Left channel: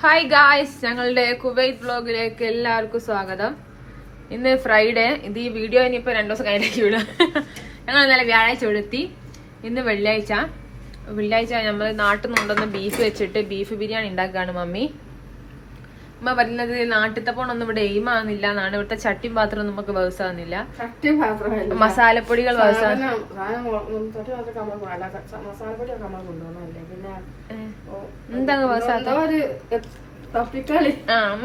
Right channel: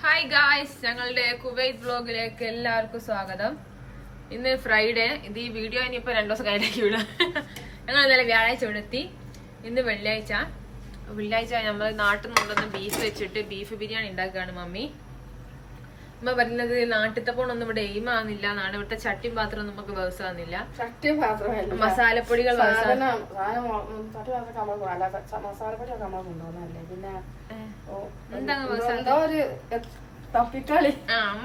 Hi guys, ഞങ്ങളുടെ Kuwait വ്ലോഗിലേക്ക് എല്ലാവർക്കും സ്വാഗതം. ഇന്ന് ഫ്രൈഡേ. ഇത് ഈ വീഡിയോ ഇനിയിപ്പോൾ 2 ദിവസം കഴിഞ്ഞിട്ട് വിടാം. ഞങ്ങൾ ഇന്നലെ വ്യാഴാഴ്ച വിടെത്തി. ഇന്ന് വെള്ളിയാഴ്ച നമ്മൾ നാട്ടിൽ നിന്ന് കൊണ്ടുവന്ന ബീഫ് വെച്ചിട്ട് ബീഫ് ബിരിയാണി ഉണ്ടാക്കുകയാണ് മമ്മി. അമ്മ പറയുന്നത് നാട്ടിലത്തെ പോണൊന്നും ഇവിടെ എയിമാകുന്നില്ല എന്നാണ്. ഇവിടുത്തെ ചട്ടിയും പാത്രം നമുക്ക് വ്യവസാകുന്നില്ല, മസാലപ്പൊടികൾ എന്താ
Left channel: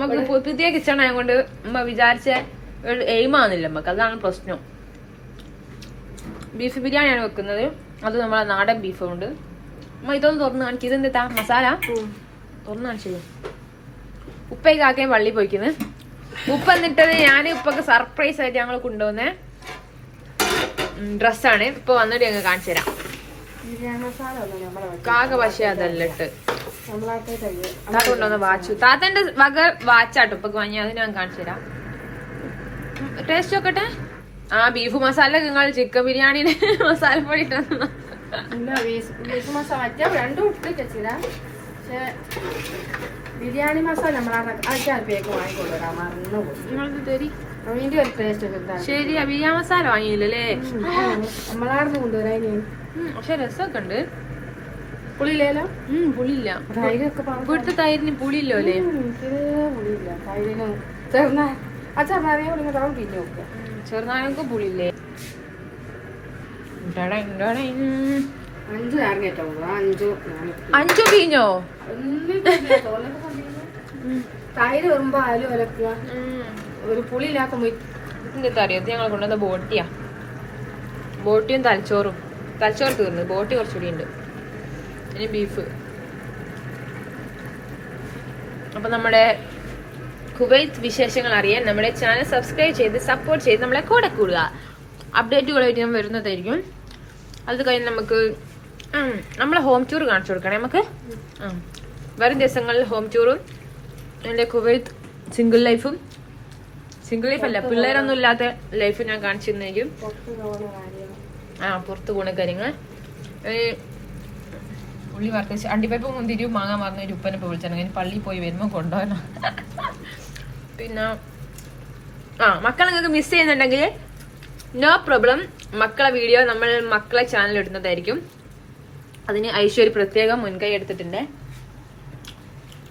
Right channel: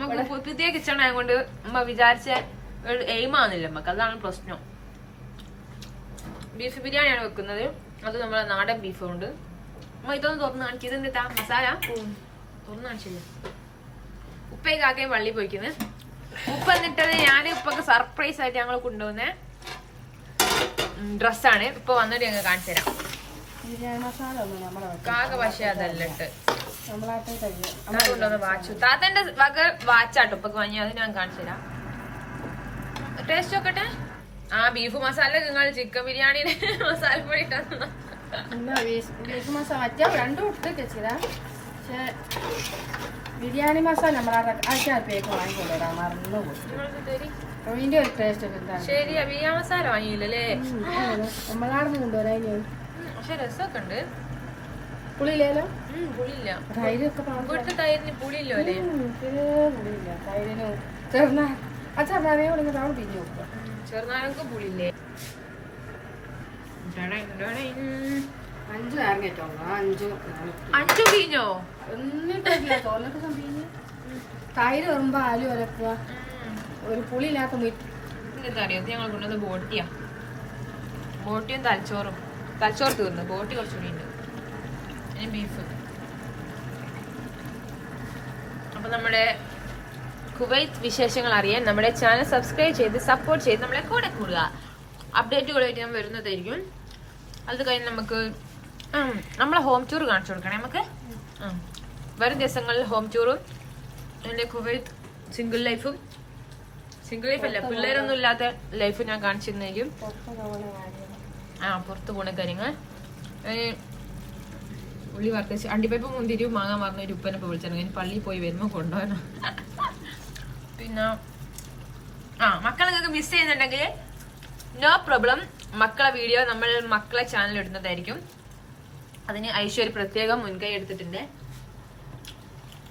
നമുക്ക് പുതിയ കിച്ചൺ ആയതുകൊണ്ട് അമ്മ വിചാരിച്ച എയിമാകുന്നില്ല നമുക്ക്. അതാണ് പ്രശ്നം. ബീഫ് ബിരിയാണിയാണ് വെക്കുന്നത്. അത് നമ്മളെ നാടൻ ബീഫ് കൊണ്ട്. അമ്മ ഇതൊന്ന് തുറന്ന് കാണിക്കും. ഇതെന്താ മസാല തുറന്ന് കാണിച്ചു. ഉപ്പയ്ക്കാക്കയും പള്ളി പോയിക്കുന്നത്. ഉപ്പ എന്നിട്ടത് ഞാൻ ഉപ്പൊക്കെ സർപ്രൈസ് ആയിട്ട് ഞങ്ങൾ കൊണ്ടുവന്ന ഡ്രസ്സാണ്. ഇപ്പൊ വന്നിട്ട് ഞങ്ങൾ കാണിച്ചു തരാം. കാക പക്ഷേ അതല്ല ഇട്ട് താത്ത കൊണ്ടുവന്ന വാച്ചു. താത്തന്റെ വക വാച്ചാട്ടോ ഇപ്പൊ വാങ്ങി. അത് ഞാൻ കാണിച്ചു തരാം. ടേസ്റ്റ് നോക്കട്ടെ. ആ ബീഫ് മസാല നിങ്ങൾ ചിക്കൻ ബിരിയാണിന് മസാലപ്പൊടി ഇട്ടു. ബിരിയാണി മസാല ശരി. ബിരിയാണി മസാല വാങ്ങിയില്ലല്ലേ? നമ്മളാർന്ന് കൊണ്ടുവരാ. പക്ഷെ രസമൊക്കെ ഉണ്ട്. പുളിയില്ലല്ലോ? പുളിയില്ല. ഇവിടുത്തെ തൈരിന് പുളിയില്ലോ അല്ലേ? ചെറുനാരങ്ങക്ക് പുളിയില്ലേ? 5 പീഞ്ഞോ? തൈര് വരുമ്പോ ആലും വരക്കുക. ഒരു പുളിയില്ലാത്ത എന്താ അറിയാം. ഞങ്ങൾ കൊണ്ടുവന്ന ബോട്ടിയും തലച്ചോറ് തീർന്നു. ബോട്ടി കുറച്ചുകൂടി ഉണ്ട്. ഇനി ബീഫ്. അപ്പൊ നമ്മുടെ കുവൈത്ത് വിശേഷങ്ങൾ അറിയാൻ നമ്മുടെ ചാനൽ സബ്സ്ക്രൈബ് ചെയ്ത് സപ്പോർട്ട് ചെയ്ത് നമ്മളെ കൂടെ കൂടുക. അപ്ഡേറ്റുകളായിട്ട് ഞാൻ വരുന്നതായിരിക്കും. അത് കഴിഞ്ഞ് നമുക്ക് നമ്മളെ ഹോം ടൂർ കാണിച്ചു കൊടുക്കണേ നമുക്ക്. വരും ദിവസങ്ങളിൽ ഹോം ടൂറും എൻ്റെ കുവൈത്ത് സിംഗിൾ ലൈഫ് അല്ല, പിള്ളേരൊന്നും ഇല്ലാത്ത ലൈഫ് ഞാൻ കാണിച്ചിരുന്നെങ്കിൽ പുറത്ത് പോണ കാര്യങ്ങൾ. ഉള്ളി വറുത്ത് അണ്ടിപ്പരിപ്പ് മുന്തിരി മാങ്ങാൻ മറന്ന ഒരു ഉപ്പനെ വിളിച്ചാൽ പള്ളിയിൽ പോയി വരുമ്പോൾ കൊണ്ടുപോകാൻ. പിന്നെ മക്കളെ നിങ്ങൾക്ക് മിസ് ചെയ്യുന്നുണ്ടെങ്കിൽ നോ പ്രോബ്ലം. മക്കളെ വീഡിയോ നമ്മൾ മക്കളെ ചാനൽ ഇടുന്നതായിരിക്കും. അതിന് ഐശ്വര്യ പ്രത്യേകം മുൻകൈ എടുത്തിട്ടുണ്ട്.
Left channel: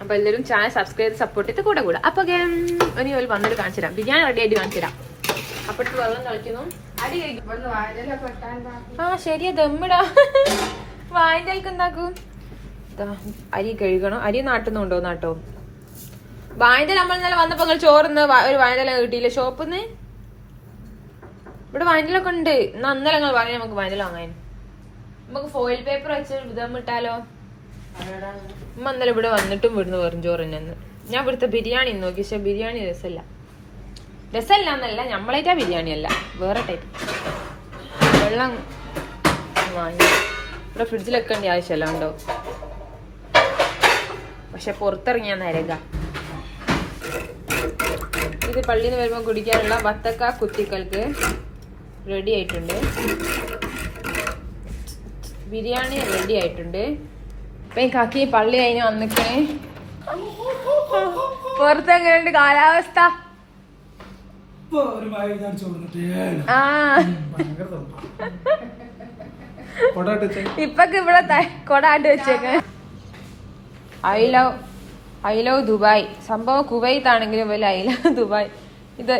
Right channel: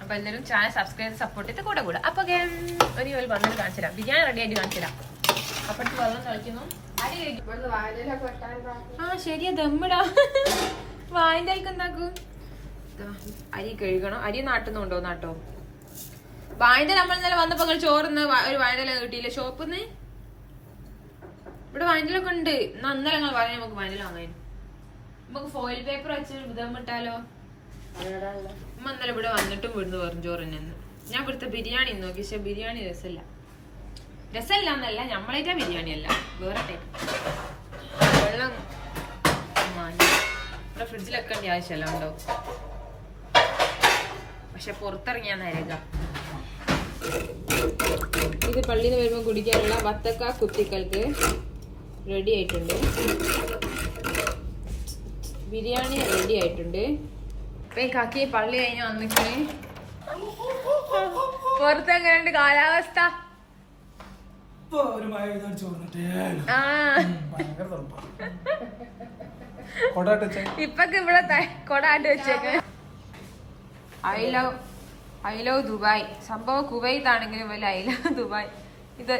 അപ്പൊ എല്ലാവരും ചാനൽ സബ്സ്ക്രൈബ് ചെയ്ത് സപ്പോർട്ട് ചെയ്ത് കൂടെ. അപ്പൊ ഇനി ഒരു വന്നിട്ട് കാണിച്ചു തരാം. ബിരിയാണി റെഡി ആയിട്ട് കാണിച്ചു തരാം. അപ്പോഴത്തെ വെള്ളം കളിക്കുന്നു. അടി കഴിക്കും. ശരിയാ. ദമ്മിടാ. വായൻ്റെൽക്ക് എന്താക്കും? അരി കഴുകണം. അരി നാട്ടിൽ നിന്ന് നാട്ടോ. വായൻ്റെ നമ്മൾ ഇന്നലെ വന്നപ്പോ നിങ്ങൾ ചോറിന്ന് ഒരു വായൻ്റെല കിട്ടിയില്ല ഷോപ്പിന്ന്. ഇവിടെ വായൻ്റെലൊക്കെ ഉണ്ട്. അന്നലെ നിങ്ങൾ പറഞ്ഞ നമുക്ക് വായൻ്റെല വാങ്ങാൻ. നമുക്ക് ഫോയിൽ പേപ്പർ വെച്ച് ദമ്മിട്ടാലോ? ഉമ്മ ഇന്നലെ ഇവിടെ വന്നിട്ടും ഇവിടുന്ന് വെറും ചോറ് തന്നെ. ഞാൻ ഇവിടുത്തെ ബിരിയാണി നോക്കി. പക്ഷെ ബിരിയാണി രസമല്ല എന്നല്ല, നമ്മളായിട്ടാ ബിരിയാണി അല്ല, വേറെ ടൈപ്പ്. വെള്ളം വാങ്ങി ഇവിടെ ഫ്രിഡ്ജിൽ വെക്കേണ്ട ആവശ്യമല്ല ഉണ്ടോ. പക്ഷെ പുറത്തിറങ്ങിയാ നരക. ഇത് പള്ളിയിൽ നിന്ന് വരുമ്പോൾ കുടിക്കാനുള്ള വത്തക്ക കുത്തിക്കൽക്ക് റെഡി ആയിട്ടുണ്ട്. ബിരിയാണി റെഡി ആയിട്ടുണ്ട്. ഇപ്പൊ കാക്കി പള്ളി കഴിഞ്ഞ് വന്നിക്കണേ. പുറത്തെങ്ങനെയുണ്ട് കാലാവസ്ഥ? ഇപ്പൊക്കെ ഇവിടെ കൊടാട്ട് വെച്ചേക്ക. I love Dubai. സംഭവം കുവൈത്ത് ആണെങ്കിലും വലിയ ഐ ലവ് ദുബായ്.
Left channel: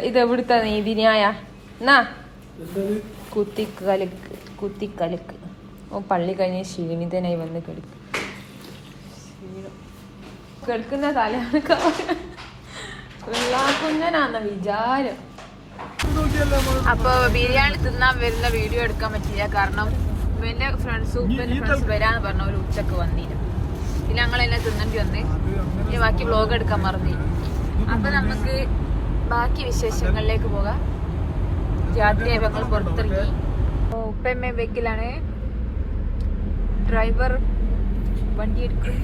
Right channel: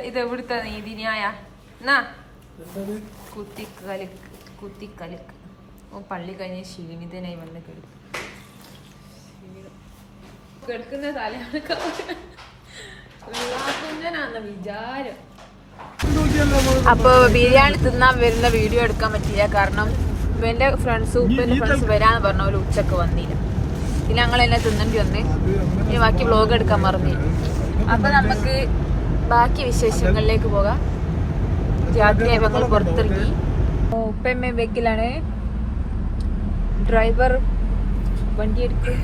ഇത് എവിടുത്തെ നീതിന്യായ എന്നാ കുത്തിക്കലക്ക്. പള്ളി കഴിഞ്ഞ് ക്ഷീണിതനായി വന്ന് കിടക്കുന്ന തലയാകുന്നനാന്ന വിചാരം. അപ്പൊ ബിരിയാണി തിന്നാൻ വരുന്ന വീഡിയോ എടുക്കാൻ പറ്റില്ല. കാരണം എന്റെ ഉപ്പന്റെ ഫ്രണ്ട്സ് വരാന്ന് പറഞ്ഞ ഒരു ഉച്ചക്ക് വന്നില്ല. പിന്നെ ഞങ്ങളെല്ലാം തിന്നേണ്ടി വന്ന്. ഇനി ബാക്കി വ്ലോഗ് എടുക്കാൻ മറന്നു. അപ്പൊ നമുക്ക് ബാക്കി വിശേഷങ്ങളിലേക്ക് പോകാം. രാത്രിയായി ഞങ്ങൾ പുറത്തിറങ്ങി. ഉപ്പയമ്മ വെക്കിലാണ്. ഡ്രൈവർ വണ്ടി എടുക്കും.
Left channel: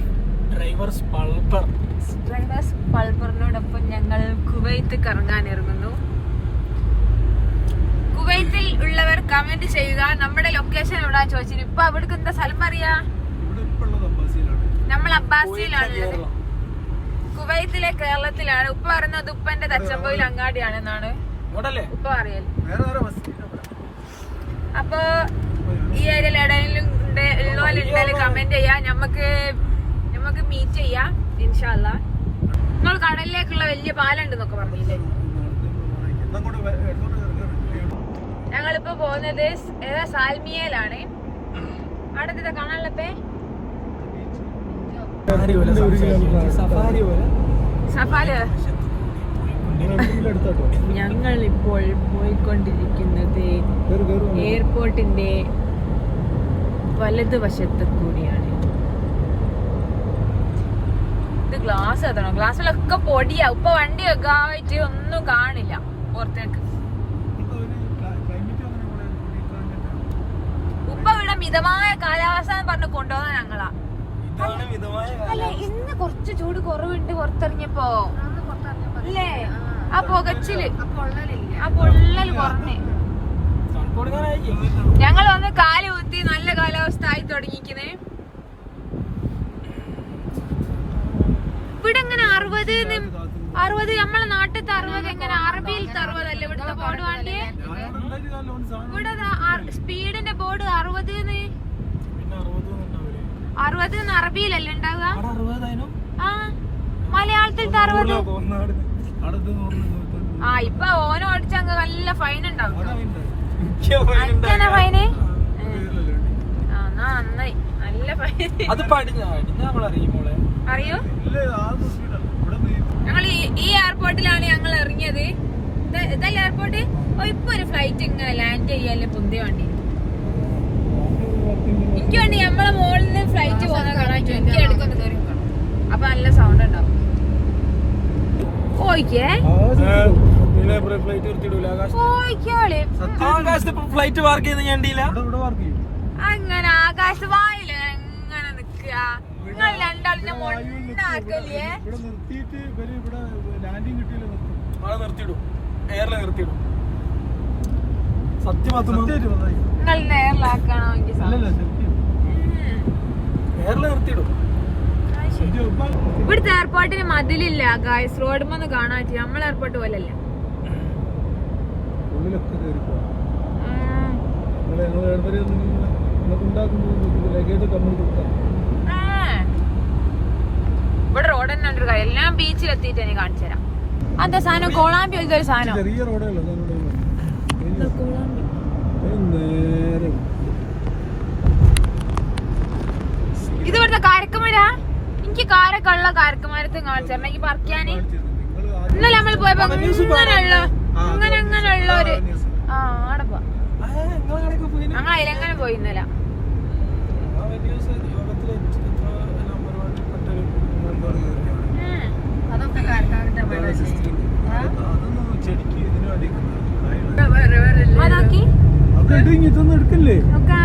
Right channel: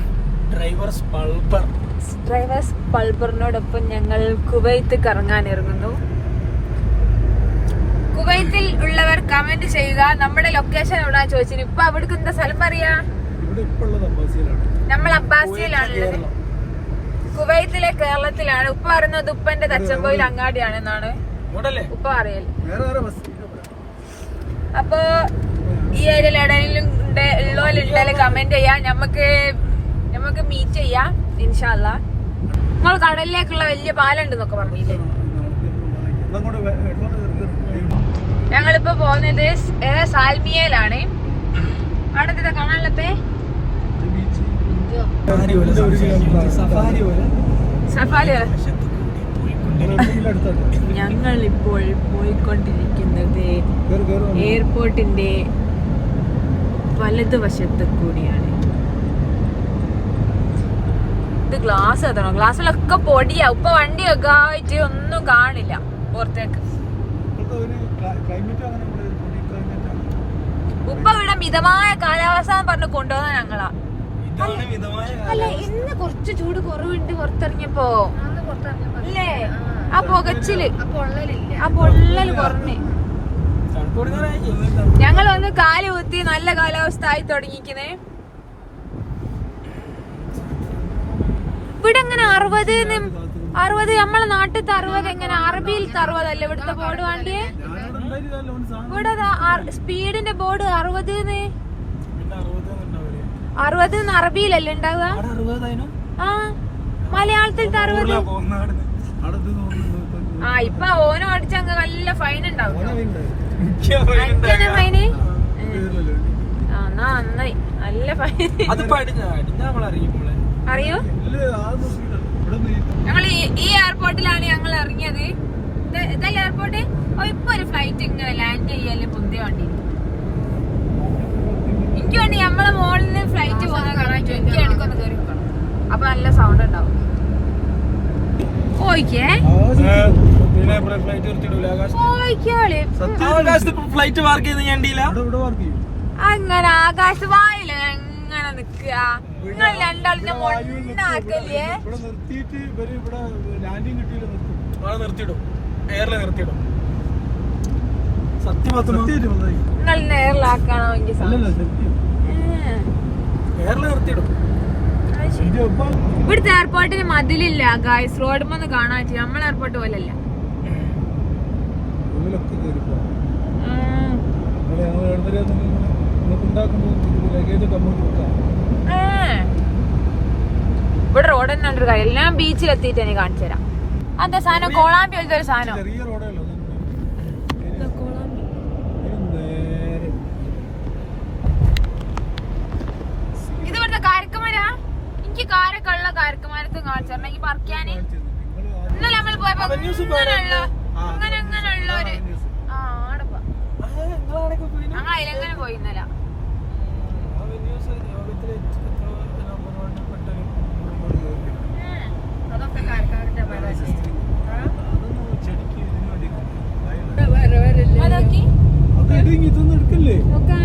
ഡ്രൈവേഴ്സ് പൾബറിനോടൊപ്പം ഞങ്ങൾ കുവൈത്ത് കറങ്ങാൻ ഇറങ്ങുന്നു. കുവൈത്തിൽ ഉള്ളവർ കമന്റ് ചെയ്യുക. നമ്മുടെ ലൊക്കേഷൻ എവിടെയാ ചോദിച്ചു. ഇപ്പൊ അവിടേക്ക് എന്താ സ്ഥലം പറയാ? നമ്മൾ അബ്ബാസിയിലാണുള്ളത്. കുവൈത്തിലെ കേരളത്തിലാണ്. ഉപ്പ പറയുന്നത് ഉപ്പന്റെ തച്ചമ്പോയിൽ അങ്ങാടിയാണെന്നാണ് ഉപ്പ പറയൽ. അപ്പൊ ഈ ഏരിയയിൽ എവിടെയെങ്കിലും ഉള്ളവരുണ്ടെങ്കിൽ കമന്റ് ചെയ്യാം. നമുക്ക് മീറ്റ് ചെയ്യാം ഇൻഷാ അല്ലാ. നമ്മൾ കടലിലേക്കുള്ള വലിയ പാലുണ്ടെന്നൊക്കെ പറഞ്ഞില്ലേ. ഞങ്ങളിപ്പോ പോകുന്നത് സാൽമിയയിലാണ്. അവിടെ എന്താ കാണാനുള്ളപ്പേ? സഫാരി. ഞങ്ങളിപ്പോൾ പോയിക്കൊണ്ടിരിക്കുന്നത് എയർപോർട്ടിന്റെ വലതുവശത്ത് കൂടിയാണ്. ഇത് ഗ്ലാസ് എത്തണം. ഗ്ലാസ്സിലൊക്കെ പൊടിയാ. ഉപ്പ വണ്ടിയൊക്കെ ആയിട്ട് ഒന്നും കാണില്ല പുറത്തേക്ക്. ഉപ്പ ഇവിടെ മിതമായ കാലാവസ്ഥ പറഞ്ഞ് കൊണ്ടുപോകുന്ന ഞങ്ങളാ. അല്ല ഇന്ന് കുറച്ച് ചൂട് കുറവുണ്ട് പുറത്തിറങ്ങിയപ്പോ അല്ലേ? ആ പുകച്ചില് ആ പൊള്ളല് കുറഞ്ഞ് ഞങ്ങൾ വന്ന് കാല് കുത്തി നല്ല കാലാവസ്ഥ ആയി തുടങ്ങിക്കുന്നേ. ഇവിടെ എങ്ങനെ 60 നമ്മളെ നാട്ടിലത്തെ 60 എങ്ങനെ? അറബിയിലത്തെ 60 അല്ലേ ഇവിടുത്തെ ബോർഡ് വേണ്ടിയേ? ഇവിടെ സ്പീഡിന്റെ ബോർഡ് 60 അറബിയിലല്ലേ ഉണ്ടാവുക? ആ മലയാളത്തിലത്തെ 60. ആ ഇപ്പൊ ഓനും അടിച്ചങ്ങ് നല്ല ഫൈൻ ഉണ്ടാവും. ഫൈന് ആ നന്നായി നല്ല ഫൈൻ. അറിയോ? ഞങ്ങൾ ഈ എയർപോർട്ടിലാണ് ഞങ്ങൾ ഇറങ്ങിയത്. ഇതല്ല എയർപോർട്ട്. ഇപ്പൊ ഒരു ഫ്ലൈറ്റ് ഇങ്ങനെ ലാൻഡ് ചെയ്യല്ലേ പൊന്തി വണ്ടി. എനിക്ക് വേണ്ടി നമ്മളെ മോളിൽ നിന്ന് ഫ്ലൈറ്റ് പോകുന്ന കാണാൻ എനിക്ക് എടുക്കൊന്ന് കയറി നോക്കണം. അപ്പൊ നല്ല സൗണ്ട് ഉണ്ടാവും. അങ്ങനെ ആകാശവായില്ല എങ്ങനെ നിക്കുക? നിങ്ങൾ രണ്ടാളിനെ മൊണ്ണാക്കല്ലേ? നിങ്ങൾ നേരിലാക്കണോ? ഇവിടുത്തെ എയർപോർട്ടിന് മതിലില്ല ഗായ്സ്. റോഡുമെന്ന് കാണാൻ പറ്റില്ല. നമ്മളെ എയർപോർട്ട് പോലല്ല. ഇവിടെ റോഡ് തന്നെ ഉണ്ട്. കാര്യം ഞാൻ ബീച്ചിലെത്തിയിട്ട് എനിക്ക് കാണിച്ചു തരാം. അതെ സാധനം കോളാമ്പി ഒരു സാധനം. ഇത് ഇവിടുത്തെ കാരക്കമര. എനിക്ക് കാരക്കുള്ള കാരക്കമരത്ത് കാണിച്ചു തരണം. എനിക്ക് പറിക്കാന് ഇന്നലെ നമ്മൾ പോയപ്പോ അങ്ങനെയുള്ള ഒരു ആടപ്പാ ഞങ്ങൾ അതിലെങ്ങനെ പോയി ഇന്നലെ.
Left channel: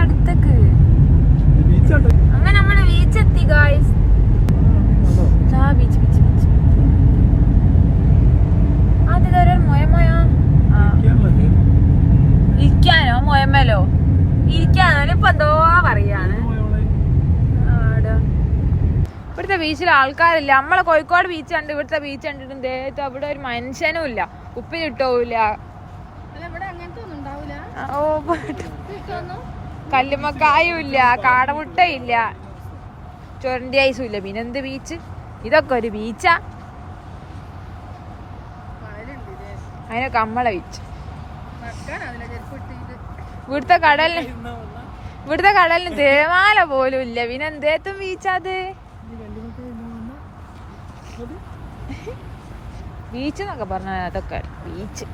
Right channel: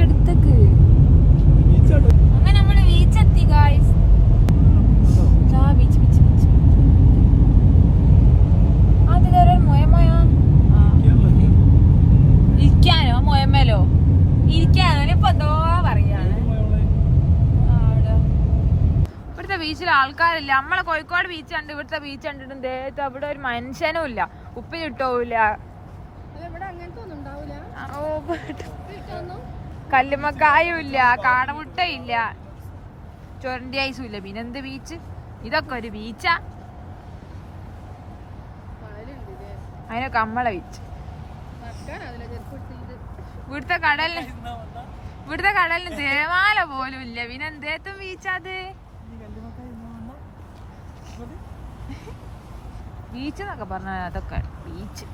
അടുത്തേക്ക് അങ്ങനെ നമ്മള് ബീച്ചെത്തി ഗായ്സ്. ബീച്ച് ബീച്ച് ബീച്ച് അത് മൊയമൊയ ഇരിക്കാനോ മൊയമലോ ഇരിക്കാനോ ഇപ്പൊ എന്തോ പറയാണ്. ഇവിടുത്തെ ബീച്ചിൽ ആൾക്കാരില്ല. നമ്മളെ കോഴിക്കോട് ബീച്ച് കണ്ട് ഇവിടുത്തെ ബീച്ച് കണ്ടിട്ടുണ്ട്. അവിടെ ഒരു മനുഷ്യനും ഇല്ല. ഉപ്പിലിട്ടോവില്ല. കല്ലുമ്മക്കായും ഇല്ല. കാടമുട്ടയില്ല. ചൊരണ്ടി ഐസും ഇല്ല. പിന്നെന്ത് ബീച്ച്? ഇതൊക്കെ ഒരു ബീച്ചാ? അതിനൊക്കെ നമ്മളെ ബീച്ച്. ഇവിടുത്തെ കടലിന് തേമാല പോലും ഇല്ല. പിന്നെ എന്തേത്തും ബീച്ചാത്? ബീച്ച് എന്നൊക്കെ പറഞ്ഞാൽ അതൊക്കെ ബീച്ച്.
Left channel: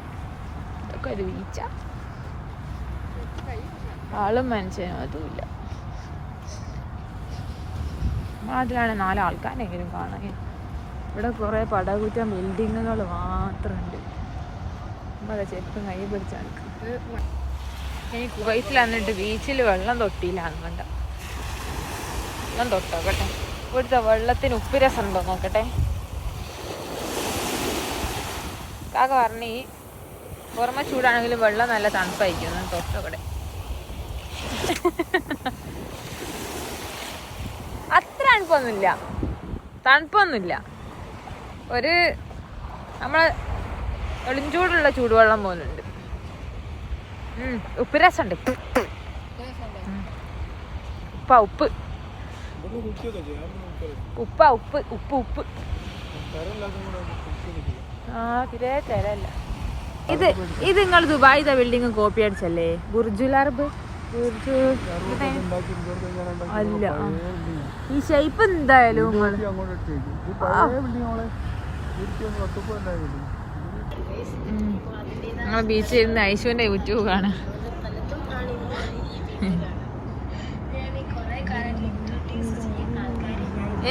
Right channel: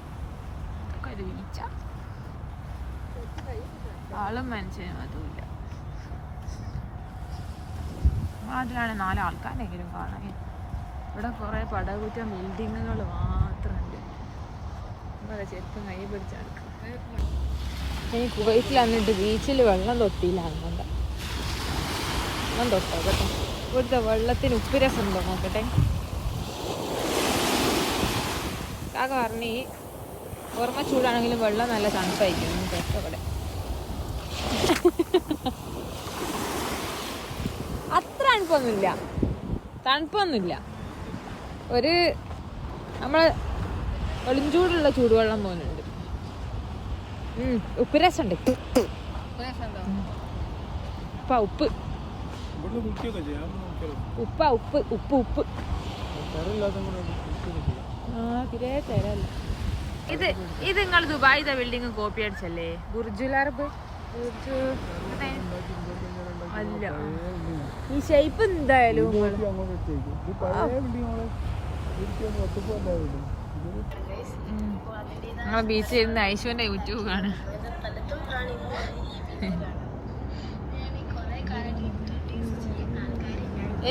ഇതൊക്കെ ഒരു ബീച്ചാ? ആളും മനുഷ്യനും അതുമില്ല. അതിലാണ് 4 ആൾക്കാരെങ്കിലും കാണാൻ. ഇവിടെ കുറെ പടകുറ്റം ബിൽഡിങ്ങുകൾ മാത്രമുണ്ട്. നമ്മളെ ചെരുപ്പും കൈ പിടിച്ചാൽ എനിക്ക് കുവൈത്തിൽ വന്നിട്ട് ബീച്ചിൽ വെള്ളം തൊട്ടിയിലാണ് കണ്ട. വെള്ളം തൊട്ടോ കേട്ടെ. ഇവിടുത്തെ വെള്ളത്തിന് ഉപ്പുരസം ഉണ്ടോ നോക്കട്ടെ. കാക്ക പറഞ്ഞ് ഓർമ്മ ചൂടാണെങ്കിലും വെള്ളം നല്ല തണുപ്പായിരിക്കും. തൊട്ടോ ഇവിടെ അത്ര തണുപ്പൊന്നുമില്ല. ഒരു നമ്മളെ എളിഞ്ചൂടുള്ള ചൂടുവെള്ളം പോലുണ്ട്. ഉപ്പ് രസമുണ്ട്. ഉപ്പാ ഉപ്പ് ഉപ്പാ ഉപ്പ് ഉപ്പ് ഉപ്പ് തിരെ തരല്ല. ഇത് നിങ്ങൾ ദുബായിത്തെ ബിൽഡിംഗ് കോപ്പി അടിച്ചല്ലേ? ബുർജുൽ അറബ് അല്ല. ഈ ഷേപ്പ് എന്തായാലും ഞങ്ങൾ ബീച്ചിൽ ഇരുന്ന് ഐശുവിന്റെ യൂട്യൂബ് കാണാം.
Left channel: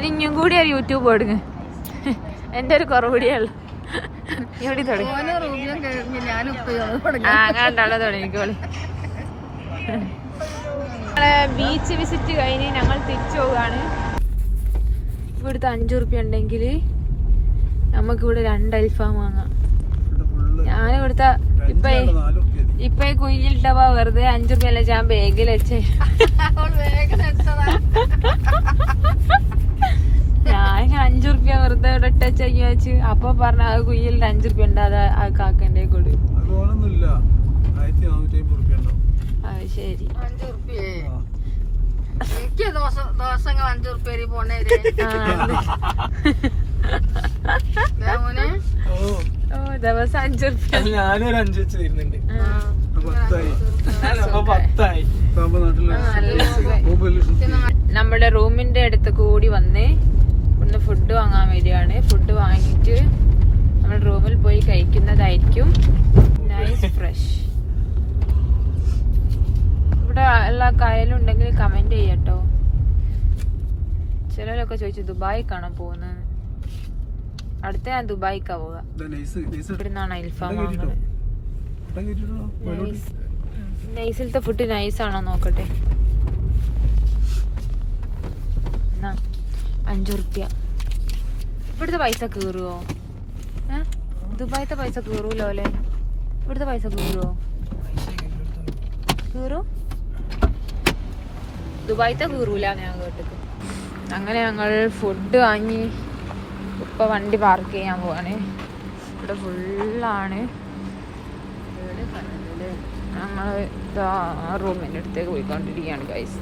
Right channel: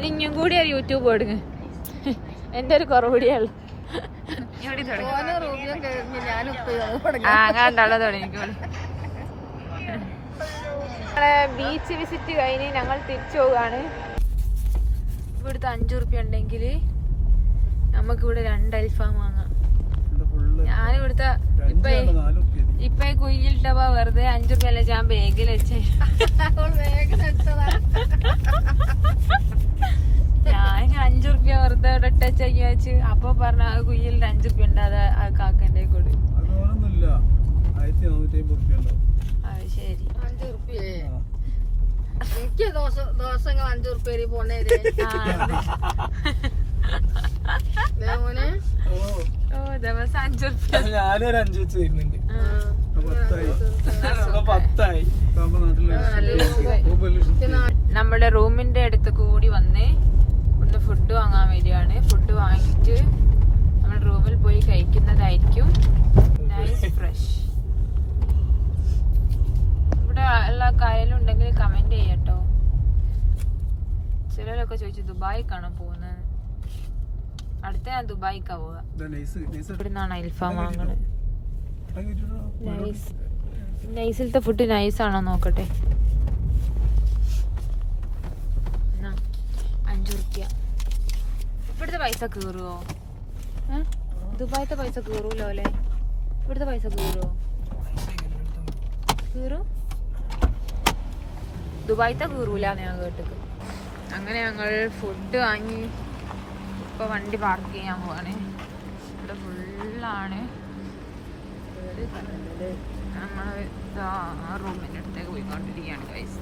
ഇനിയും കൂടി ഒരു യൂട്യൂബ് കൊടുങ്ങ. എന്റെ ഒരു കുറവുകൂടിയുള്ളു. എവിടെ തുടങ്ങിക്കോളെ. ബീച്ച് വിസിറ്റ് കഴിഞ്ഞ് ഞങ്ങൾ തിരിച്ചു പോവുകയാണ്. ഇവിടുത്തെ 5 ഉറുപ്പ്യ ഉണ്ടെങ്കിൽ നമുക്കിവിടെ 2 അൽഫാം വാങ്ങാം. ഞാനിവിടുത്തെ ഇപ്പൊ കുഞ്ഞിലിട്ടപ്പോ വെറുതെ 5 ഉറുപ്പ്യ അല്ലേ ഞാൻ ബാഗിൽ വെച്ചേ. ഞാൻ 5 ഉറുപ്പ്യ വെറുതെ ഇവിടെ ഇട്ടച്ച് വെച്ച് അപ്പൊ പറഞ്ഞ അത് കുഞ്ഞിലിട്ട് 5 ഉറുപ്പ്യ ഉണ്ടാതെ ആ കാക്കന്റെ കൂടെ. അത് ശരി. ദിവസം 5 ഉറുപ്പ്യ. ഞാനൊരു 5 വെച്ച് തരുന്നുണ്ട്. നമ്മുടെ റൂമിന്റെ അടുത്ത് കൂടി വന്ന് ഒന്ന് ഫുഡ് വാങ്ങാൻ വരികയാണ്. ഫുഡ് വാങ്ങിയിട്ട് നമ്മൾ റൂമിൽ പോയി കഴിക്കുന്നതായിരിക്കും. Nice fresh. ഇവിടെ എല്ലാ കായലുണ്ടെങ്കിൽ കമന്റ് ചെയ്യട്ടോ. ചിലരൊക്കെ ചോദിച്ചു ദുബായി കാണാൻ പോകുന്നത്. അടുത്ത ഞാൻ ദുബായിക്കാ പോവുക. ഇവിടുന്നാണ് അൽഫാം വാങ്ങുന്നത്. നൈസിലത്തെ ഫുഡ് നൈസാണോ നോക്കട്ടെ. 5 ഉറുപ്പ്യ. ഇവിടുത്തെ പൈസ കീറുവോ? ദുബായിത്തെ പൈസ കീറൂലോ അല്ലേ? ഇവിടുത്തെ പൈസ കീറുവോ? കീറും. ദുബായിത്തെ കീറൂല ഞാൻ കേട്ടത്. അങ്ങനെ ഞങ്ങൾ ഫുഡ് വാങ്ങി ഇപ്പൊ വണ്ടി പാർക്ക് ചെയ്യാൻ പോവാണ്. ഇവിടെ ഫുള്ളാണ്. നമ്മൾ റൂമിൻ്റെ അടുത്തേക്ക് പോയിക്കൊണ്ടിരിക്കുകയാണ് ഗൈസ്.